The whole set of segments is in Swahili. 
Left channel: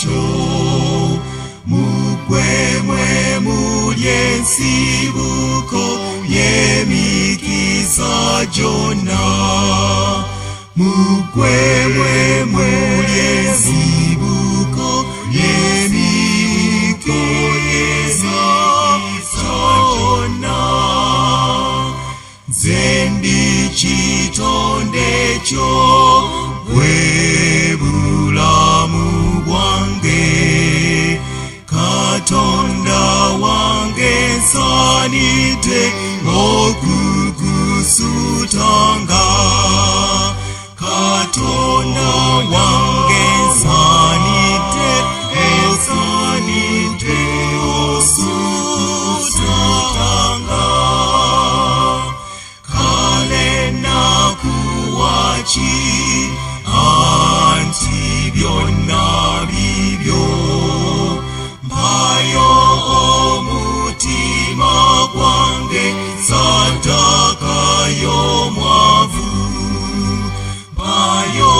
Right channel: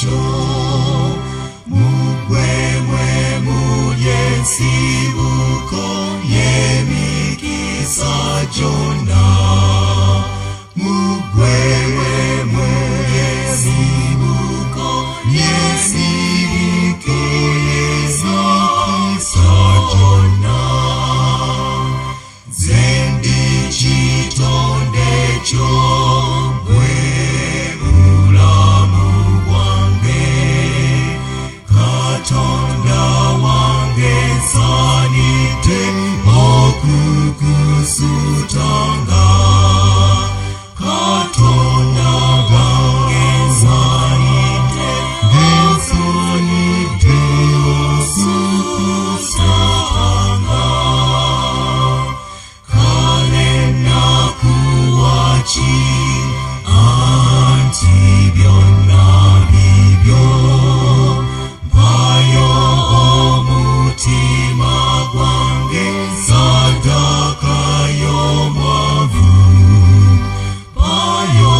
kyo mugwemwe mulye ensibuko y'emikisa gyonna mugwemwe mulye ensibuko y'emikisa gyonna nze ndi kitonde kyo bwe bulamu bwange Katonda wange nsaanidde okukusutanga Katonda wange nsaanidde osutanga kale nakuwa ki anti byonna bibyo mpayo omutima gwange sadaka y'omwavu mpayo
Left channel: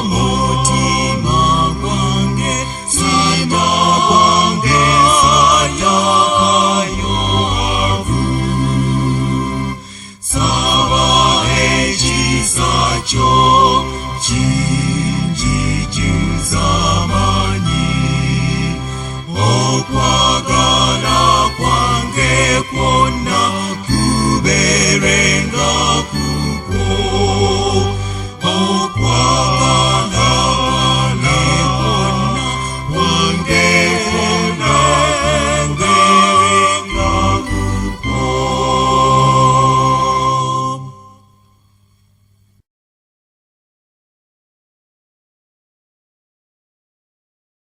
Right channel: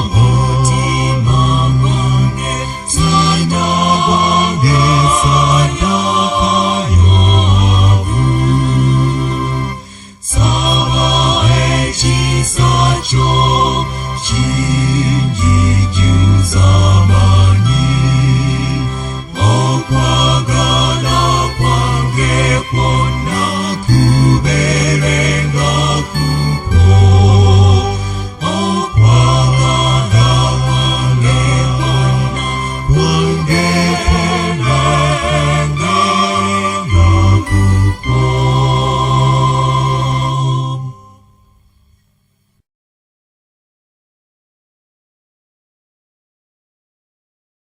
omutima gwange sadaka y'omwavu saba ekisa kyo